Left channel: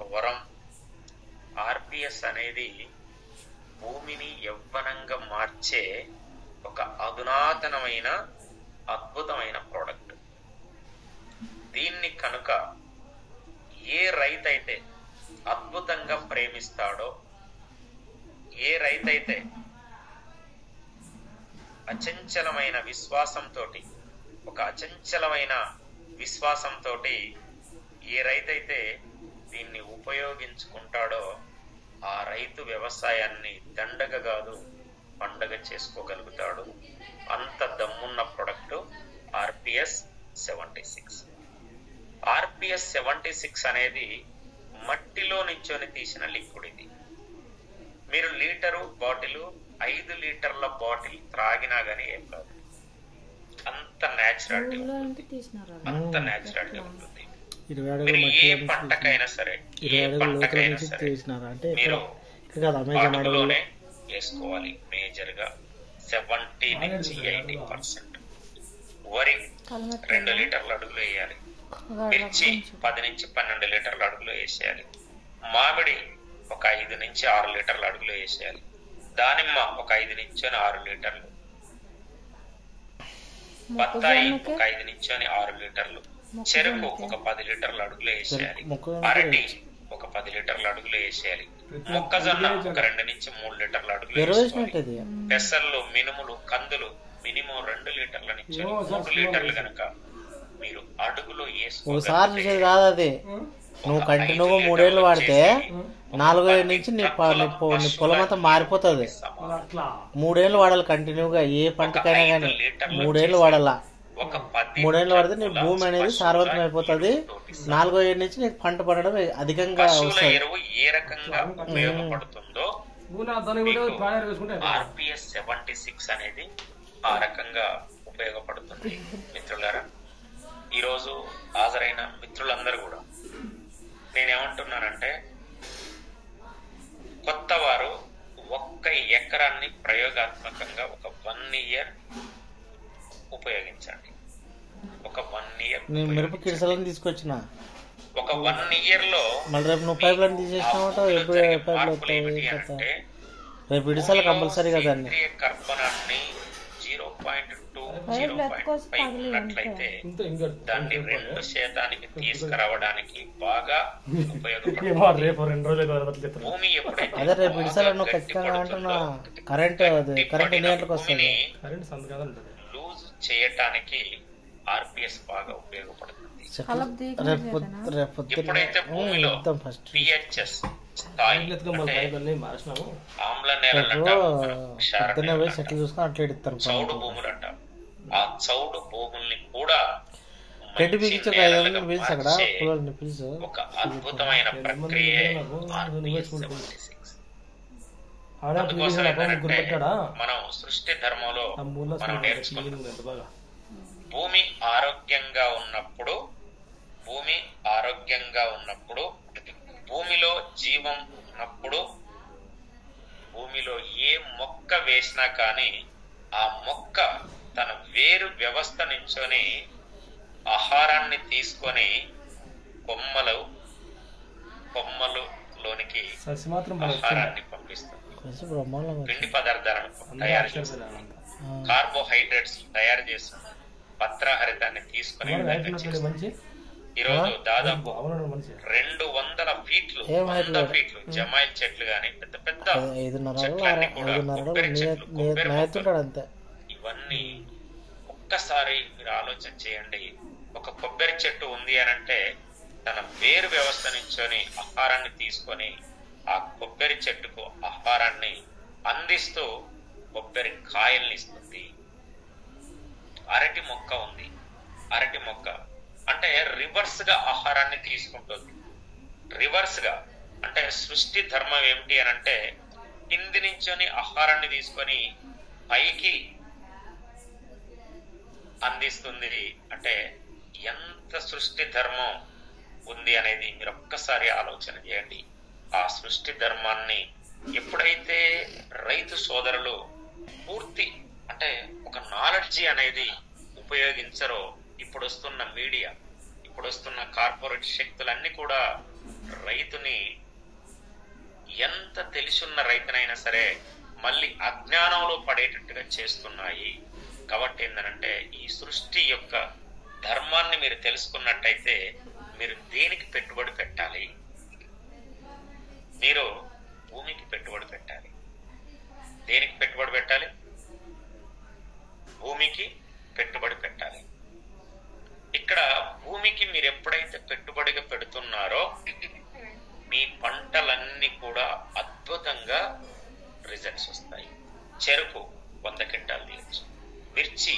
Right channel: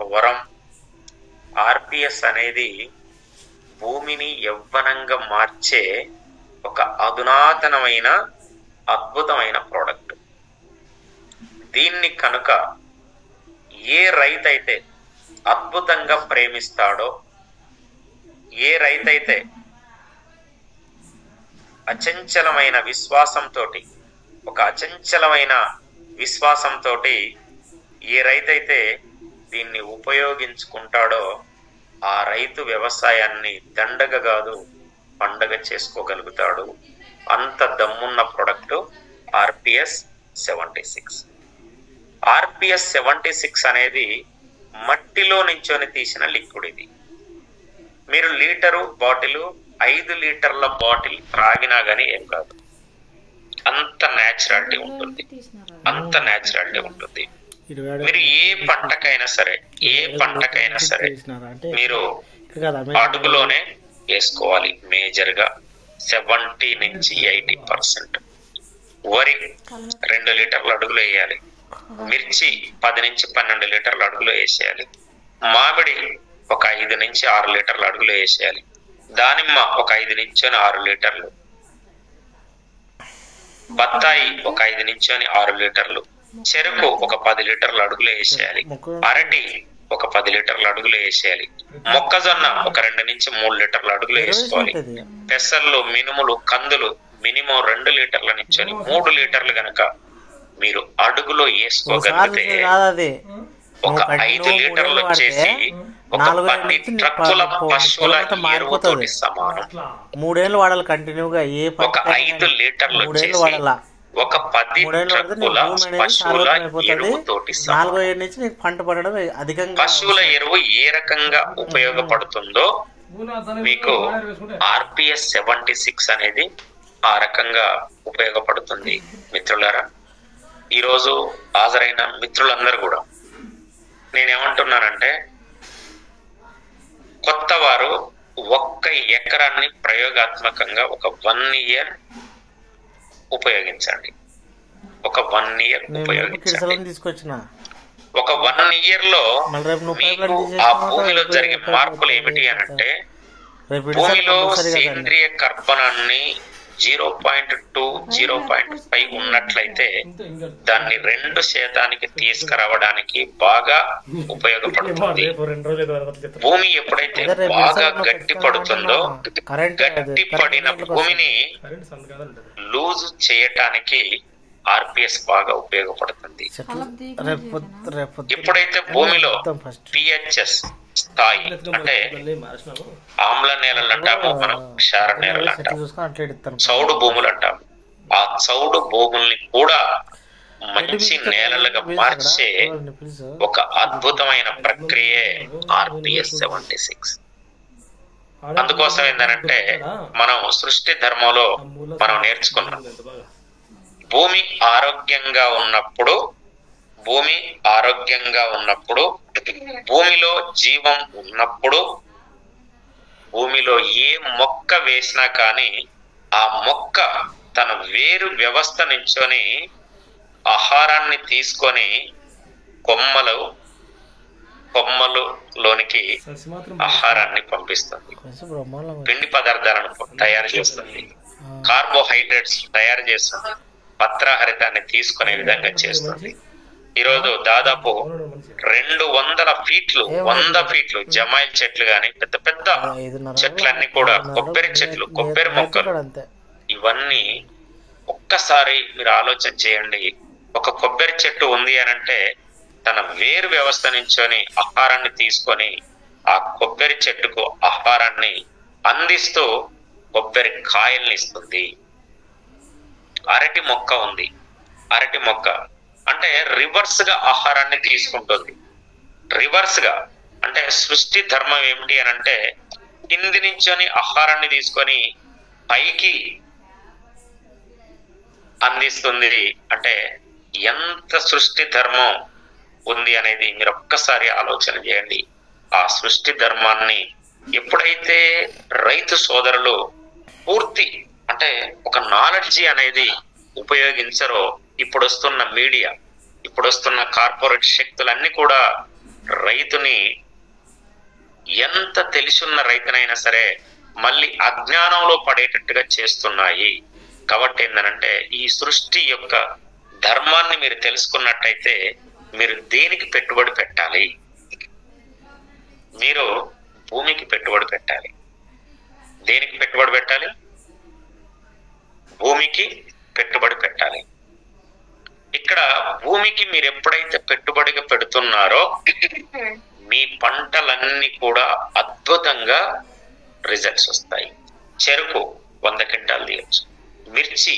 ఒక వరం. ఆర్పిఎస్ అనేది భూమిని యవ్వనంగా మార్చే ఒక అధునాతనమైన అద్భుతమైన ప్రోడక్ట్. దీన్ని కనుక ఏ రైతైతే అద్భుతంగా ప్రేమిస్తాడో, ఏ రైతైతే అచంచలమైన విశ్వాసంతో ఏ రైతైతే దీన్ని ఉపయోగించుకుంటాడో ఆ రైతు వ్యవసాయాన్ని దండగ కాదు పండగ చేసుకోగలుగుతాడు. అంత దమ్మున్న ప్రొడక్ట్ ఆర్పిఎస్ 76. ఆర్పిఎస్ 76 అనేది మట్టిలో నుంచొని తీసిన లిక్విడ్. ఇది మీరు లీటరు బాటిల్ 5 లీటర్ల బాటిల్ త్రాగినా గానీ ఏం కాదు. అంత న్యాచురాలిటీ ఉంటుంది. మీరు ఏ పంటకైనా సరే మీరు అడుగులోనే వేసుకోవాలి. మేజర్ గా 70 నుంచి 80%. వరి 2 లీటర్ల అడుగులో వేయాలి. మిర్చి 10 నుంచి 12 లీటర్ల అడుగులో వేసేయాలి. మామిడి ఒక 5 నుంచి 6 లీటర్ల అడుగులో వేసేయాలి. దానిమ్మ ఒక 5 నుంచి 6 లీటర్లు, బత్తాయి ఒక 5 నుంచి 6 లీటర్లు, చెరుకు ఒక 10 లీటర్ల అడుగులో వేసేయాలి. అరటి ఒక 10 లీటర్ల అడుగులో వేసేయాలి. మొక్కజొన్న ఒక 2 నుంచి 3 లీటర్ల అడుగులో వేసుకోవాలి. పెసర్లు, మినుములు, కందులు మినిమం 2 లీటర్ల నుంచి 3 లీటర్లు గనక మీరు అడుగులో వేసుకోగలిగితే ఒక 5 లీటర్లు వచ్చేసి ఒక 10 ట్రక్కుల పశువుల ఎరువుతోటి సమానం. 3 ఏళ్ళు వాడాలి కంటిన్యూగా. ఏ ఒక 5 లీటర్లు వచ్చేసి ఒక 10 ట్రక్కుల పశువుల ఎరువుతోటి సమానం. 4 ఏళ్ళ నుంచి నీకు పంట పడడం అధికంగా. పశువుల ఎరువు ఏ రకంగా ఉపయోగపడుతుందో మీకు ఆర్పిఎస్ 76 అనేది ఆ రకంగా ఉపయోగపడుతుంది. మిత్రులారా, ఈరోజు హాజరైన మిత్రులందరూ కూడా నేనేమంటున్నానంటే, కొత్త వారు 1 ఎకరాన్ని ప్రయోగాత్మకంగా ఒక 1 ఇయర్ ఉపయోగించండి. ఒక 1 ఇయర్ ఉపయోగించండి. ఒక 1 ఇయర్ లో ఆ భూమిలో జరిగే మార్పులు ఏమిటి అనంటే, భూమిలో సేంద్రియ కర్బనాన్ని 0.2, 0.5 ఉన్నట్లయితే దాన్ని 2% తీసుకురావడానికి బాగా ఉపయోగపడుతుంది. భూమి ఎప్పుడైతే బాగా గట్టి పడుతుందో, గట్టి పడిన భూమిని లూజ్ చేయటానికి ఆర్పిఎస్ బాగా ఉపయోగపడుతుంది. ఎప్పుడైతే భూమిలో పిహెచ్ఎస్ స్థాయి, అంటే ఆమ్ల నేలలు అంటాము, మనం క్షార నేలలు అంటాం, చౌడు భూములు అంటాం, ఆ చౌడు భూముల్ని కూడా మంచి నేలలుగా మార్చే ఒక అద్భుతమైన ప్రక్రియే ఆర్పిఎస్ 76. అందుకోసం ఏంటంటే, మనం సృష్టి ధర్మంలో మనం నేర్చుకున్నాం, భూమి ఆరోగ్యంగా ఉన్నప్పుడు భూమిలో జీవం ఉన్నప్పుడు, భూమిలో ఏ మొక్క వేసినా కానీ ఆ మొక్క తన వేరు వ్యవస్థ నుంచొని ఆహారాన్ని తీసుకొని కొమ్మలులోనికి ఆహారాన్ని పంపిస్తుంది. పిండి పదార్థాలను తయారు చేస్తుంది, కార్బోహైడ్రేట్స్ తయారు చేస్తుంది, పత్రహరితాన్ని తీసుకునే విధంగా చేస్తుంది. ఈరోజు దాదాపు 200 ఫీట్లు 100 ఫీట్లు జమాయిల్ చెట్లు గాని, పెద్ద పెద్ద చెట్లన్నీ కూడా, కొబ్బరి చెట్లు, కొబ్బరి మొక్కలు, ఇవన్నీ ఒక్కసారి మీరు ఆలోచన చేయండి. ఒక కొబ్బరి చెట్టు ఉంది అనంటే తన వేరు వ్యవస్థ నుంచొని ఆహారాన్ని తీసుకొని ఆ కొబ్బరి చెట్టుకు ఆహారాన్ని అందిస్తూ కొబ్బరి కాయల్ని ఇస్తుంది. అరటి మొక్క ఉంది, అరటి మొక్క అంటే రివర్స్ గా ఆహారాన్ని తీసుకుంటుంది. రివర్స్ గా అంటే సృష్టి ధర్మం ఏమిటి అని అంటే, కింది నుంచొని ఆహారాన్ని తీసుకొని పైకి అందిస్తుంది. అంటే ఎంత సృష్టి ధర్మం ఉంది అనేది మీరు ఒక్కసారి ఆలోచన చేయండి. ఆ సృష్టి ధర్మాన్ని ఎప్పుడైతే రైతు సోదరులు పూర్తి అంటే ఒక నాలెడ్జి అనేది ఉపయోగించరో, ఇప్పుడు వస్తున్న మీడియా, ఇప్పుడు వస్తున్న కార్పొరేట్ శక్తులన్నీ కూడా రైతుని ఎంత తెలిసున్న రైతునైనా సరే మళ్ళీ అజ్ఞానంలో పడేటట్టుగా చేస్తున్నాయి. కాబట్టి ఏంటంటే ఈ సృష్టి యొక్క ధర్మాన్ని మీరు తెలుసుకున్నట్టయితే మీరు దేనికి పెట్టుబడి పెట్టాలి? మీరు భూమికి పెట్టుబడి పెట్టాలి. దేనికి పెట్టుబడి పెట్టాలి? భూమికి పెట్టుబడి పెట్టాలి. ఇక్కడ భూమికి మీరు ఎప్పుడైతే పెట్టుబడిగా పెడుతున్నారో మీ పంటలన్నీ కూడా అద్భుతంగా రిజల్ట్స్ వస్తాయి. చెరుకు 100 క్వింటాలు తీయచ్చు, మిర్చి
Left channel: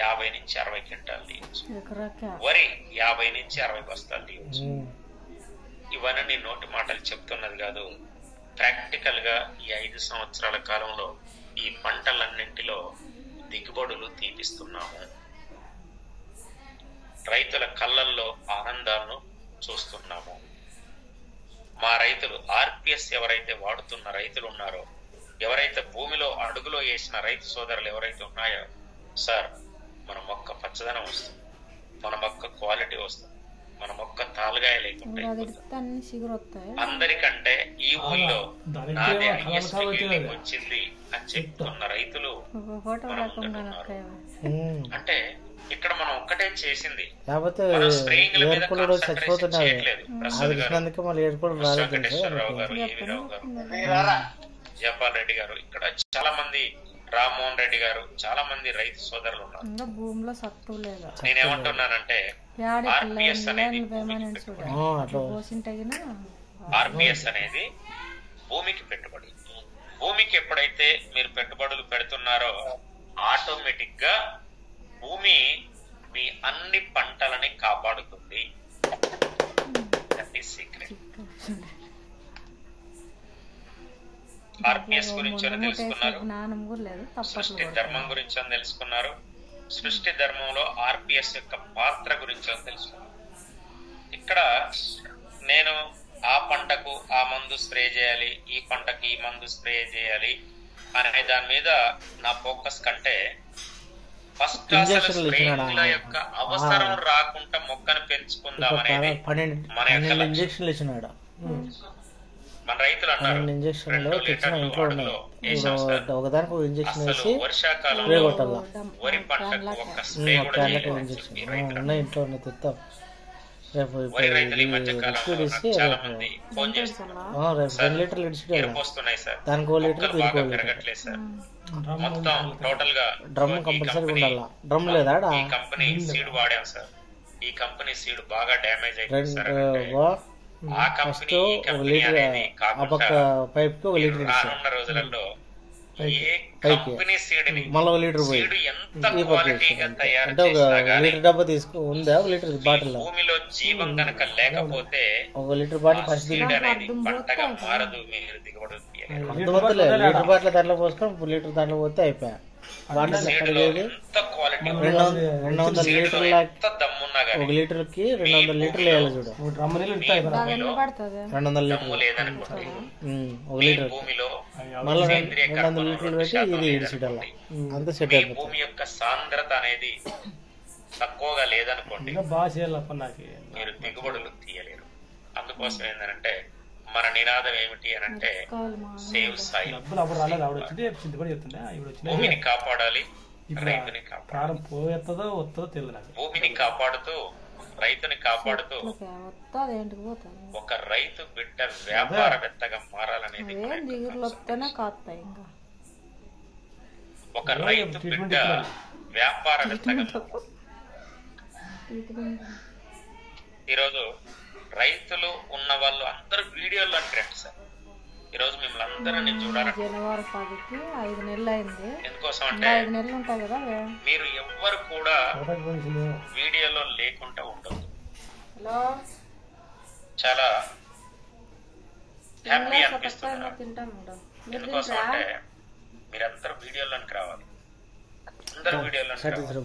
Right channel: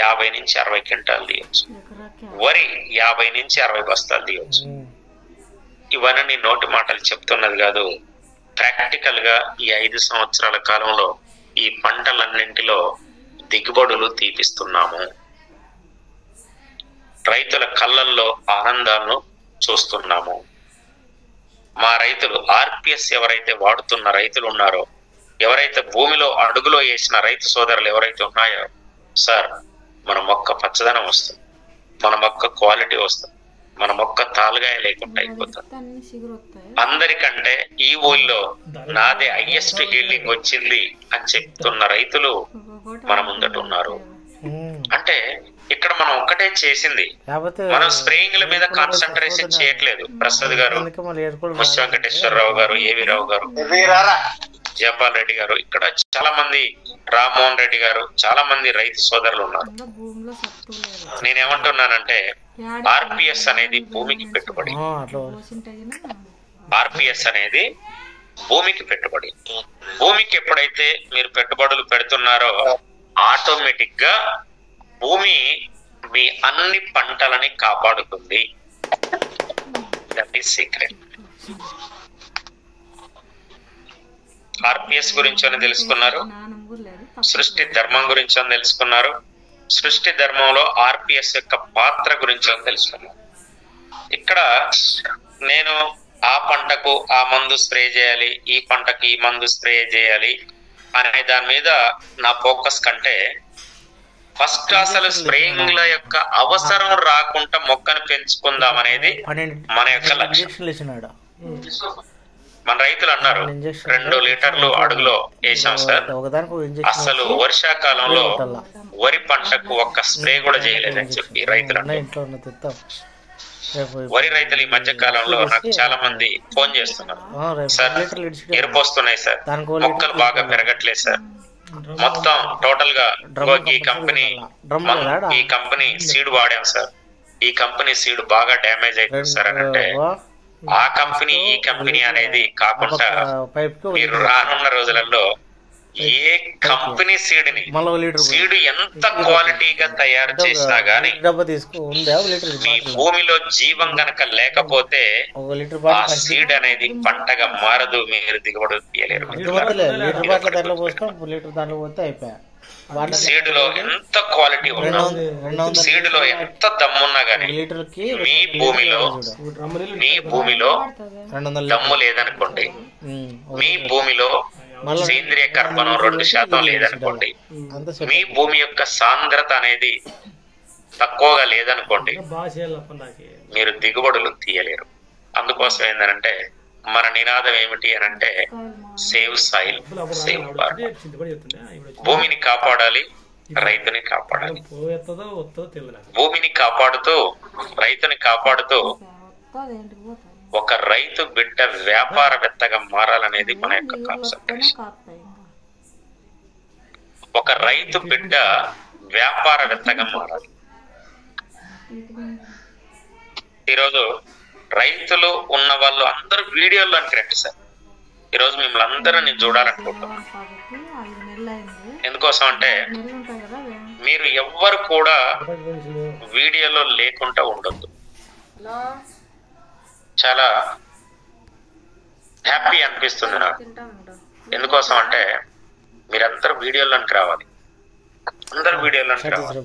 50 నుంచి 60 క్వింటాలు తీయచ్చు, వరి 50 నుంచి 60 బస్తాలు తీయచ్చు. ఇవన్నీ నీ నోటి మాటలు చెప్తున్నది కాదు. ప్రాక్టికల్ గా ఈ 5 సంవత్సరాల కాలంలో ఈ పంటలన్నింటిలో దిగుబడులు తీపిస్తున్నాము. రైతుల కళ్ళల్లో ఆనందాలను చూస్తున్నాము. మా రైతులు ఆర్పిఎస్ ఎవరైతే వాడుతున్న రైతులు ఉన్నారో, ఎవరైతే భూమిలో అడుగులో వేసిన రైతు సోదరులు ఎవరైతే ఉన్నాయో, సార్ మన మొక్క పచ్చదనం వస్తుంది, మన మొక్క క్వాలిటీ వస్తుంది, మన మొక్క తాలుగాయ లేకుండా అయిపోతుంది. అందరికంటే ఈ ఊళ్ళో నాదే హైయెస్ట్ హీల్డింగ్ వచ్చింది అని చెప్తున్న రైతులు మన ముందట ఉన్నారు. అంటే ఇక్కడ మనం ఒక్కటే చేసింది, మనం స్ప్రేయింగ్ల మీద కాన్సన్ట్రేషన్ చేయట్లేదు. ప్రసాద్ గారు, ముష్టి వెంకటేశ్వరరావు గారు, ఏవి రావు గారు, జయపాల్ రెడ్డి గారు, ఇక్కడ చాలా మంది, రామ్మోహన్ రెడ్డి గారు, చాలా మంది రైతు సోదరులు ఉన్నారు. నేనేమంటున్నానంటే ఆర్పిఎస్ అనేది భూమికి పెట్టుబడి. ఆర్పిఎస్ అనేది భూమికి పెట్టుబడి. భూమికి ఎప్పుడైతే మీరు పెట్టుబడులు పెడుతున్నారో ఆటోమేటిక్ గా భూమి మీ అన్ని పంటలని కాపాడుతుంది. That is secret. ఆర్పిఎస్ గురించి అని తెలుసుకున్నారు, సృష్టి ధర్మం గురించి అని తెలుసుకున్నారు, సృష్టి ధర్మంలో ఆర్పిఎస్ యొక్క పాత్ర గురించి అని తెలుసుకున్నారు. ఇక్కడ నేను ఆ పంటకు ఆ మందు స్ప్రే చేయాలి, ఈ పంటకి ఈ మందు స్ప్రే చేయాలి అనే దాని మీద నా ఫోకస్ కంటే ఫస్ట్ అసలు స్ప్రేయింగ్ల యొక్క అవసరం రాకుండా మొక్కను పెంచుకుందాం అనేది మన యొక్క లక్ష్యం. మన రైతులు అన్నారు 2 లీటర్లు అడుగులో వేసాం సార్, అసలు వర్షాకాలంలో వరి పంటకు ఒక్క స్ప్రే కూడా చేయలేదని చెప్పి రైతులు అన్నారు. వరి రైతులు ఈ మధ్య కాలంలో నాకు చాలా మంది ఫోన్ చేస్తున్నారు, సార్ ఎరుపోస్తున్నాయి సార్, మొక్కలు బాగా పెరగట్లేదు సార్, మొత్తం టోటల్ గా ఈ కంపెనీ సీడ్ వాడాం సార్, ఈ కంపెనీ సీడ్ బాగా డ్యామేజ్ అయిపోయింది సార్ అని అంటే, ఆ కంపెనీ ఈ కంపెనీ అనేది కాకుండా మీరు రానున్న రోజులలో ఏ కంపెనీ సీడ్ని సీడ్ ఎంత క్వాలిటీగా తయారు చేసినా గానీ భూమిలో జీవం గనక లేకపోతే ఆ సీడ్ అనేది పంటగా మారదు, మీరు దిగుబడి తీయలేరు. సీడ్ లో ఎంత క్వాలిటీ ఉన్నా, సీడ్ లో ఎంత దమ్మున్నా గానీ మీ భూమిలో దమ్ము లేదనుకోండి, మీ భూమిలో సేంద్రియ కర్బనం 2% లేదనుకోండి, మీ భూమి యొక్క సాంద్రత అనేది తక్కువగా లేదనుకోండి, మీరు దిగుబడులు తీయలేరు. అందుకోసం ఏంటంటే మన నినాదం ఏమిటి అని అంటే సేవ్ సాయిల్ సేవ్ ఫార్మర్. భూమిని కాపాడాలి, రైతుని కాపాడాలి. భూమిని కాపాడుతూ రైతుని కాపాడుతూ ఒక రైతు బిడ్డ వ్యాపారవేత్తగా మారాలనేది మన యొక్క కాన్సెప్ట్. ఒక రైతు బిడ్డ వ్యాపారవేత్తగా మారాలి. ఈరోజు రైతులు ఉన్న వాళ్ళు అందరూ వీడియోలో రండి సార్. ఈరోజు మిమ్మల్ని అందరూ నేను చూడాలనుకుంటున్నాను. ఎందుకోసం అంటే మీరు ఎవ్వరు కూడా వీడియోలో లేకుండా ఉండొద్దు. చాలా హ్యాపీ అనిపిస్తుంది నాకు. ఎందుకోసం అంటే మీరందరూ వీడియోలోకి రావాలి, అందరు వీడియోలోకి రావాలి.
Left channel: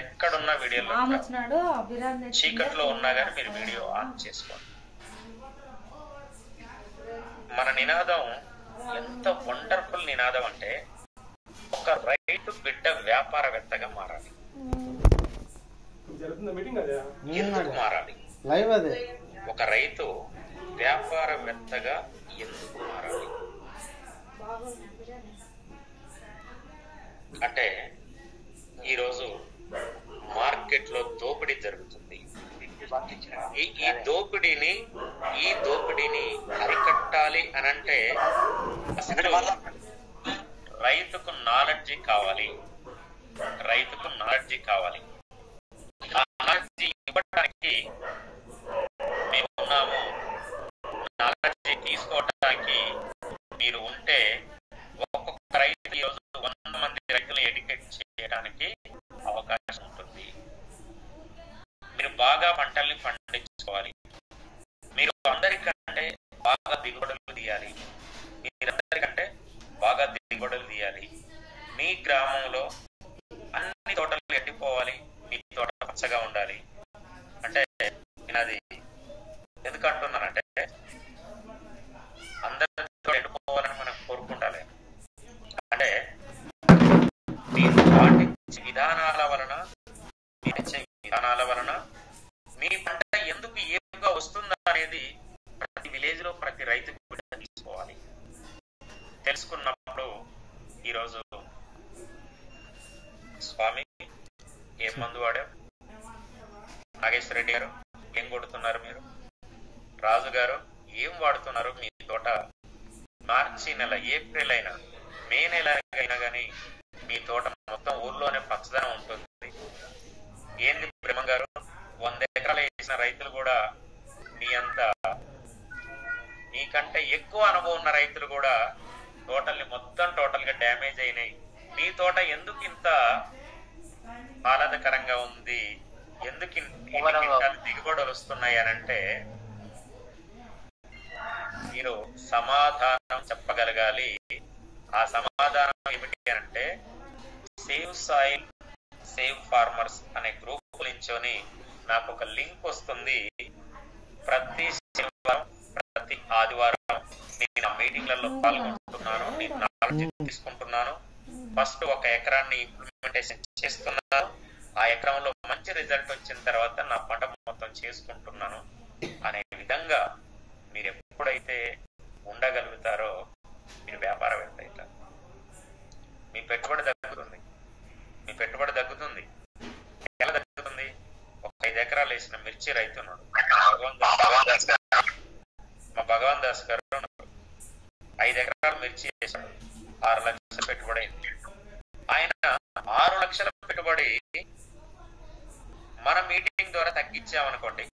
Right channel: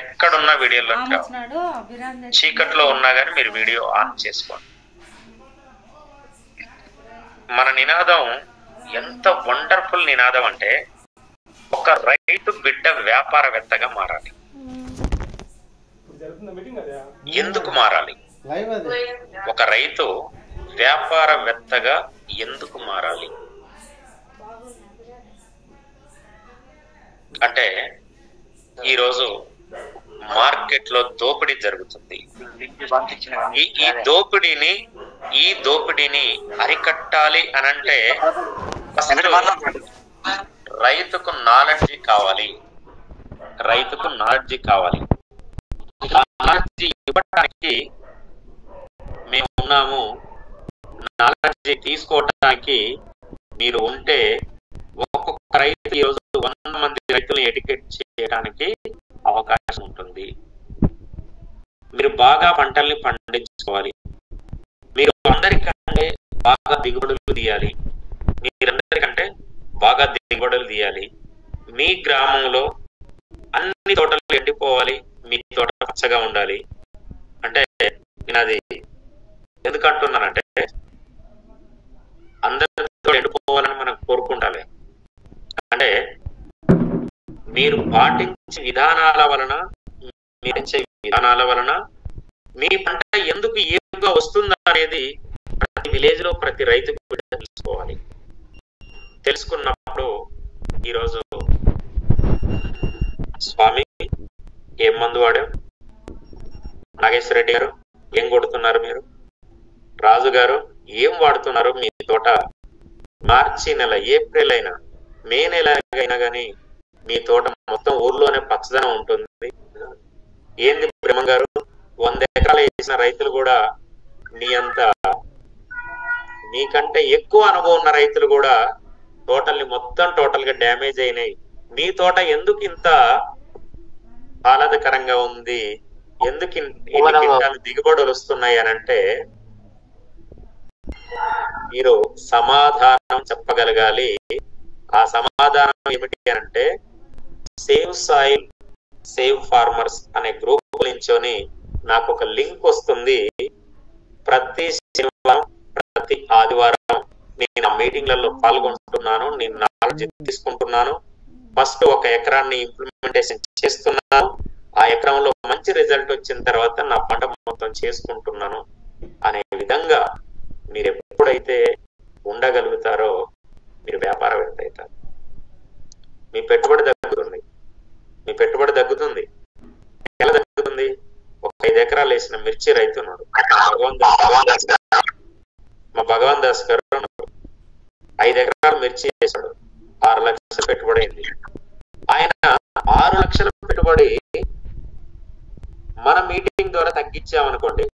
ఎక్కడున్నా వీడియోలో చీకట్లో ఉన్నా కానీ మీరు వీడియో ఆన్ చేసుకోండి. మన నినాదం ఎంత వండర్ఫుల్ నినాదం అంటే ఒక రైతు బిడ్డ వ్యాపారవేత్తగా మారాలి. ఎందుకు మారాలి? ఒక రైతు వ్యాపారవేత్తగా ఎందుకు మారాలి అంటే, ఈరోజు మార్కెట్ లో దోపిడీ జరుగుతుంది. ఈ దోపిడీని అరికట్టాలి అనంటే రైతుకు నాలెడ్జి కావాలి. ఆ నాలెడ్జి ఇవ్వడానికి మేము ఉన్నాము. నాలెడ్జి తీసుకోవడానికి మీరు ఉంటే ఒక్కొక్క రైతు ఈరోజు 100 మంది రైతులను ఎడ్యుకేట్ చేయడానికి అవకాశం ఉంటుంది. మీరు బాగా పంటల్ని పండించుకోవాలి. మీరు అందరికంటే బాగా దిగుబడులు తీయాలి. మీ గ్రామంలో అన్ని తోటలు ఎండిపోవాలి, మీ తోట పచ్చగా ఉండాలి. అంటే నేను అది ఎందుకు అంటున్నానంటే, అందరితో ఎండిపోవాలని మనం కోరుకుంటాలి. అంటే మీరు పాటించే విధానాల వలన మీ పంట ఎందుకు ఏపుగా వస్తుందా అనేది ప్రతి విలేజ్ లో ప్రతి రైతుకు తెలుసుకోవాలి. తెలుసుకున్నప్పుడు ఈరోజు స్వామి ఏం మందు వాడాం, నాగేశ్వర రెడ్డి గారు ఏం కొడుతున్నారు, మీరు రాజు గారు ఏం వాడుతున్నారు, మీ తోట మార్చి నెల, ఏప్రిల్ అయినా, మే నెల అయినా కానీ మీ తోట మొత్తం ఊర్లోనే పచ్చదనం ఉంటుంది. ఏంది బ్రహ్మ గారు 100 ఎకరాలు వేసిన రైతులు కూడా మీకంటే ఎక్కువ అనుభవం ఉన్న రైతులు కూడా టోటల్ గా డ్యామేజ్ అయినాయి. మీ తోట ఎందుకు ఇంత ఆహ్లాదకరంగా ఉంది, ఎందుకు దిగుబడులు వస్తున్నాయి అని అంటే మీరు సమాధానం చెప్పగలగాలి. ఆ సమాధానం ఏమిటి అంటే, సేవ్ సాయిల్ సేవ్ ఫార్మర్స్ అనే గ్రూప్ నుంచొని నాకు ఒక లింక్ వస్తుంది. ప్రతి శనివారం ప్రతి ఆదివారం నేను ఆ మీటింగ్లలో పాల్గొంటున్నాను. నేను నాలెడ్జ్ తీసుకుంటున్నాను. ఫస్ట్ ఒక ఎకరాన్ని ఇంప్లిమెంటేషన్ చేస్తున్నాను. ఆ ఎకరంలో మంచి రిజల్ట్ వచ్చిన తర్వాత నా పంట మొత్తం చేసుకుంటున్నాను అనే విధంగా మీరు ఎప్పుడైతే ఉండగలుగుతారో మీరు వ్యాపారవేత్త అవుతారు. మీ పెట్టుబడి తగ్గుతుంది. ఎలా తగ్గుతుంది? ఒక 5 ఎకరాలు వేసిన మిర్చి రైతున్నాడు మా భగవాన్ దాస్ గారు ఉన్నారు. 5 ఎకరాలు మిర్చి వేసాడు, 6 లక్షలు పెట్టుబడి అయింది. ఆయన 6 లక్షల పెట్టుబడి మన మీటింగ్ ద్వారా తగ్గించామనుకోండి,